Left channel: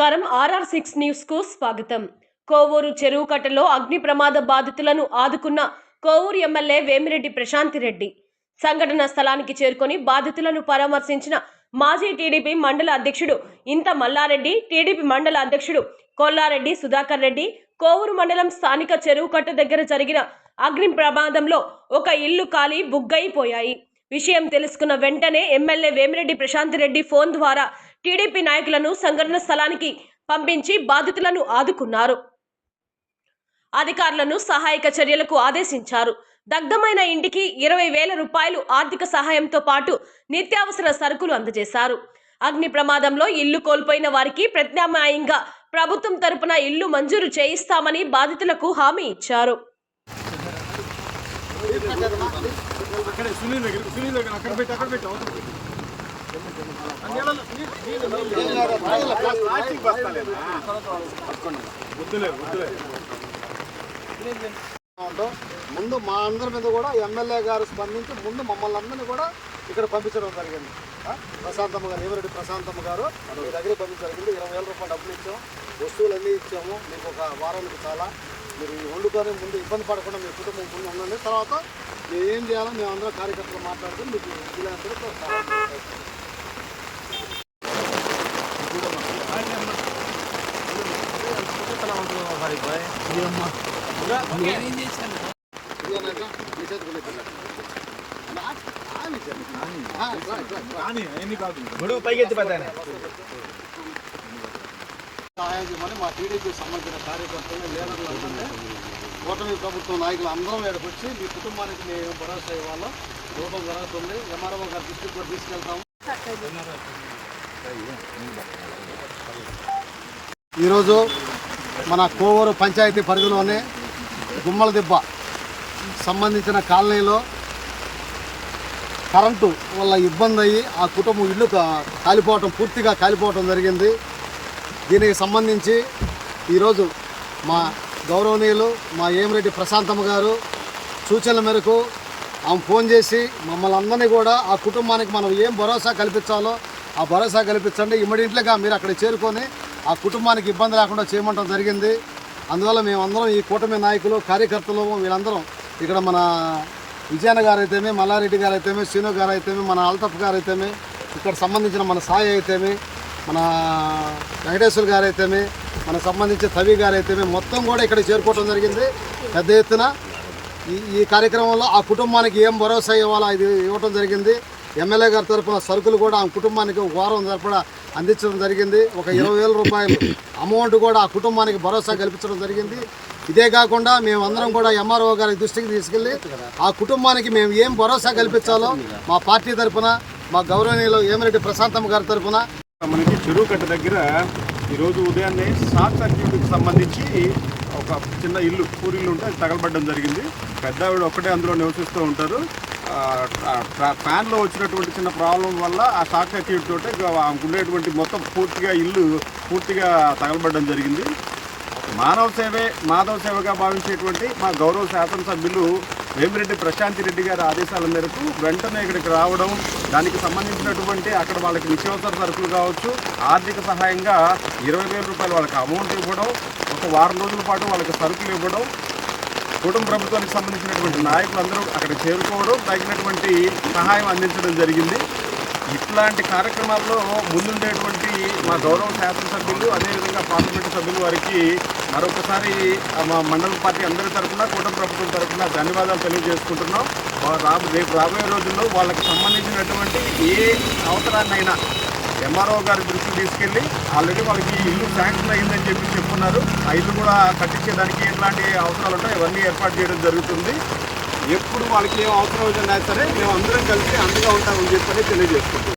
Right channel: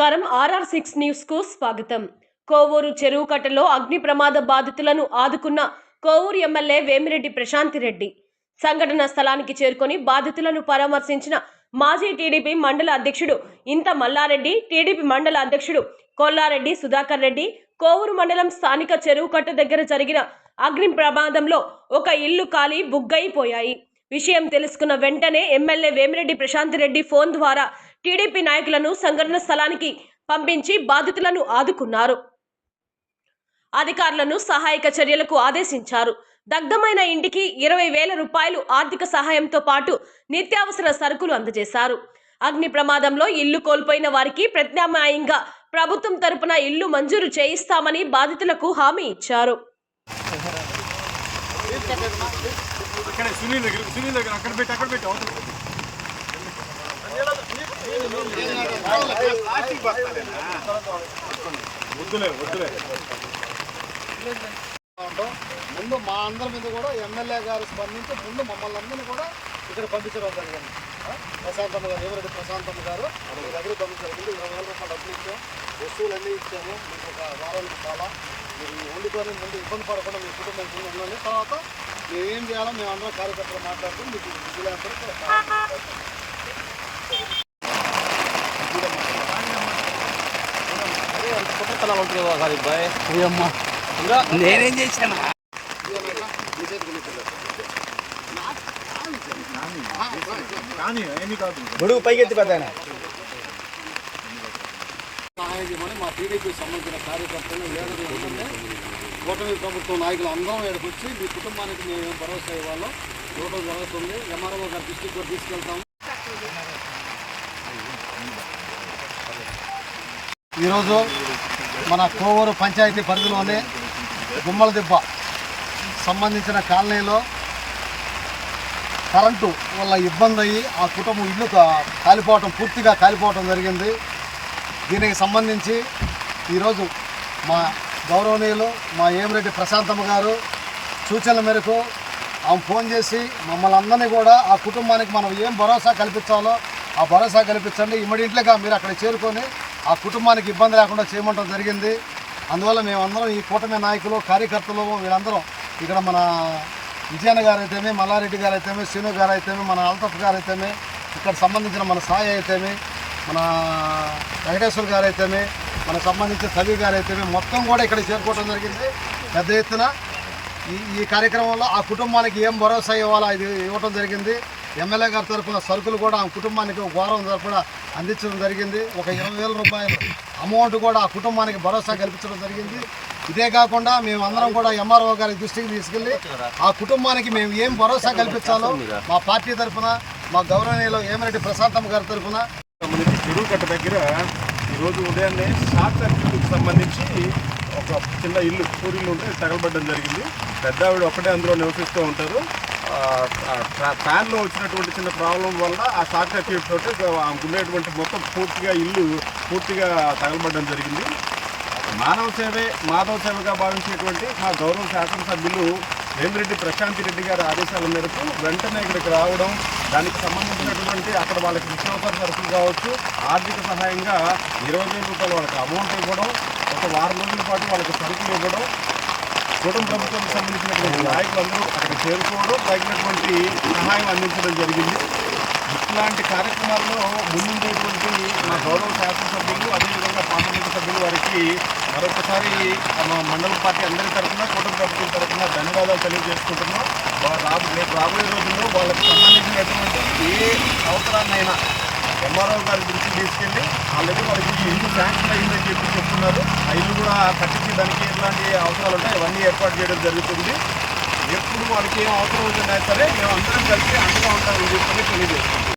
నమస్కారం. RR6 news కు స్వాగతం. కోవూరు చెరువు కట్టలో అగ్ని ప్రమాద బాధితులను ఆదుకున్న కోవూరు ఎమ్మెల్యే వేమిరెడ్డి ప్రశాంతిరెడ్డి సంఘటన స్థలానికి చేరుకొని బాధితులను పరామర్శించిన మాజీ టీడీపీ మండల అధ్యక్షుడు ఇంత మల్లారెడ్డి, టీడీపీ మండల అధ్యక్షుడు కొల్లారెడ్డి సుధాకర్ రెడ్డి కోవూరు మండలం స్థానిక చెరువు కట్ట దగ్గర జరిగిన అగ్ని ప్రమాదంలో ఒక ఇల్లు కాలి బుగ్గైపోయాయి. విషయం తెలుసుకున్న వెంటనే ఎమ్మెల్యే వేమిరెడ్డి ప్రశాంతిరెడ్డి ఫోన్ ద్వారా టీడీపీ నాయకులను సంఘటన స్థలానికి పంపించి బాధితులను ఆదుకున్నారు. అధికారులను సహాయక చర్యలకు ఆదేశించారు. దగ్ధమైన ఇంటికి 20,000 రూపాయలు ఆర్థిక సహాయంతో పాటు నిత్యావసర సరుకులు అందజేశారు. అగ్ని ప్రమాదంలో ఇల్లు కోల్పోయిన వారికి ప్రత్యామ్నాయంగా ప్రభుత్వం తరపున ఇల్లు మంజూరు చేయిస్తామని బాధితులకు హామీ ఇచ్చారు. ముందు మా అందరి మీద కూడా ఎమ్మెల్యే గారు స్పందించి ముందు మమ్మల్ని అందరినీ కూడా ఇక్కడ పంపించడం జరిగింది. ప్రశాంతమ్మ గారు, వేమిరెడ్డి ప్రశాంతమ్మ గారు మీ దగ్గర పంపించడం జరిగింది. 20,000 రూపాయలు డబ్బులు ఇచ్చాము, వస్తువులు అన్నీ ఇచ్చాము. మీకు ఒక వారానికి చాలా మీరు వండుకొని ముందు ఇబ్బంది పడకుండా మీ కుటుంబం ముందు ఉండండి. తర్వాత మేము ఏం చేయాలో మేము అందరం కార్యకర్తలు మాట్లాడుకుని మీకు నేనేం చేశాను గొడుగు పైకెత్తి పెద్దాను సహాయం మా టీడీపీకి సంబంధించిన కార్యకర్తలు లేదంటే కూటమి ప్రభుత్వం నాయకులు అందరం ఇక్కడికి వచ్చి మీ కుటుంబానికి మేము భరోసా ఇవ్వాలో ఇవ్వడం జరుగుతుంది. ఎంఆర్ఓ గారి దృష్టికి కూడా తీసుకెళ్తాము. ఈరోజు మన కోవూరు పంచాయతీ పరిధిలోనే గుమ్మల దిబ్బ సంబంధించిన కాలనీలో కరెంటు వల్ల ఇబ్బంది అయ్యి ఆ కుటుంబం ఇల్లు పూర్తిగా కాలిపోవటం జరిగింది. దీనికి సంబంధించి ఈరోజు మా గౌరవనీయులు మా వేమిరెడ్డి ప్రశాంతమ్మ గారు సూచనల మేరకు ఆమె ఫోన్ చేసి మమ్మల్ని అందరినీ కూడా ఆ కుటుంబానికి మనం ఏం భరోసా కల్పించాలో ఆ భరోసా కల్పించండి, ఇమ్మీడియట్లీగా మీరు అక్కడ చేరుకొని ఆ కుటుంబానికి ఇబ్బంది లేకుండా చేయమంటం జరిగింది. అందువల్ల మేమందరం ఈ కూటమి నాయకులు కార్యకర్తలు వీళ్ళందరం ఇక్కడ మన విజయన్న గారు అయితేమే, మల్లారెడ్డి గారు అయితేమే, శ్రీను గారు అయితేమే, మన అల్తఫ్ గారు అయితేమే, ఇక్కడ సంబంధించిన మన సాయి అయితేమే, మన వెంకటేశ్వర గారు అయితేమే, మనకు సంబంధించిన సవి గారు అయితేమే మొత్తం కూడా ఇక్కడ చేరుకోవడం జరిగింది. పెద్ద ఎత్తున ఈ కార్యక్రమంలో ఆ కుటుంబానికి ఏం భరోసా ఇవ్వాలో ఇది ఇవ్వటం జరిగింది. ఎమ్మెల్యే గారి తరఫున సరుకులు కూడా ఆ కుటుంబానికి ఒక వారం తరఫున అందించడం జరిగింది. ఒక 20,000 రూపాయలు అమౌంట్ కూడా ఆ కుటుంబానికి భరోసా కల్పించడం జరిగింది. ఇదే కాకుండా మేమందరం కూడా ఎంఆర్ఓ గారి దృష్టికి తీసుకెళ్ళి ఆ కుటుంబానికి మేము ఏం భరోసా కల్పించాలో మా పార్టీ తరఫున మా గౌరవనీయులు వేమిరెడ్డి ప్రశాంతమ్మ గారి తరఫున చెరువు కట్ట దగ్గర ఈరోజు ఉదయాన్నే షార్ట్ సర్క్యూట్కి సంబంధించి ఒక చిన్న ఇల్లు పూరిల్లు ఉంటే తగలబడ్డం జరిగింది. పెద్ద ఆవిడ ఒక్కటే అందులో నివసిస్తూ ఉంటారు. ఫ్యాన్లో వచ్చినటువంటి చిన్న ప్రాబ్లం వల్ల ఆ షార్ట్ సర్క్యూట్ తోటి ఉండేటువంటి మొత్తం ఇల్లు పూర్తిగా తగలబడ్డం జరిగింది. మానవ సేవే మాధవ సేవగా భావించేటువంటి మా గౌరవ శాసనసభ్యులు వేమిరెడ్డి ప్రశాంతిరెడ్డి గారి ఆదేశాల మేరకు వెంటనే ఇక్కడికి రావడం, దానికి సంబంధించినటువంటి అక్కడ వాళ్ళకి నిత్యావసర సరుకులు కావచ్చు, ఆర్థిక సహాయంగా 20,000 రూపాయలు వాళ్ళకి అమౌంట్ ఇవ్వడం, ఒక వారం రోజుల పాటు వాళ్ళకి సరుకులు ఇవ్వడం, కుటుంబ ప్రభుత్వానికి సంబంధించినటువంటి నాయకులందరూ అక్కడ చేరుకోవడం, తగినటువంటి సహాయం అందించడం జరిగింది. ఇట్లాంటి కార్యక్రమాల్లో ముందుండేటువంటి మా గౌరవ శాసనసభ్యులు అదేవిధంగా పార్లమెంటు సభ్యులు వారికి మరొకసారి మా మండల పార్టీ అందరి తరఫున కుటుంబ ప్రభుత్వం తరఫున ధన్యవాదాలు తెలియజేసుకుంటున్నాం. రేపు రాబోయే రోజుల్లో వాళ్ళకి సంబంధించినటువంటి ఏ అవసరాన్నైనా ఎంఆర్ఓ గారి దృష్టికి తీసుకెళ్ళి ఆల్రెడీ వాళ్ళకి ఇల్లు శాంక్షన్ అయిందని చెప్తున్నారు. ఆ ఇల్లు కూడా కట్టించేదానికి ఎట్లాంటి అవసరాలు ఉంటాయి అవన్నీ ఏర్పాటు చేయడం జరుగుతుంది. ఎప్పుడు వాళ్ళకి ఏం అవసరం అవుతుందా సరే మేము అందరం కలిసి అండగా ఉంటామని చెప్పని తెలియజేసుకుంటాం.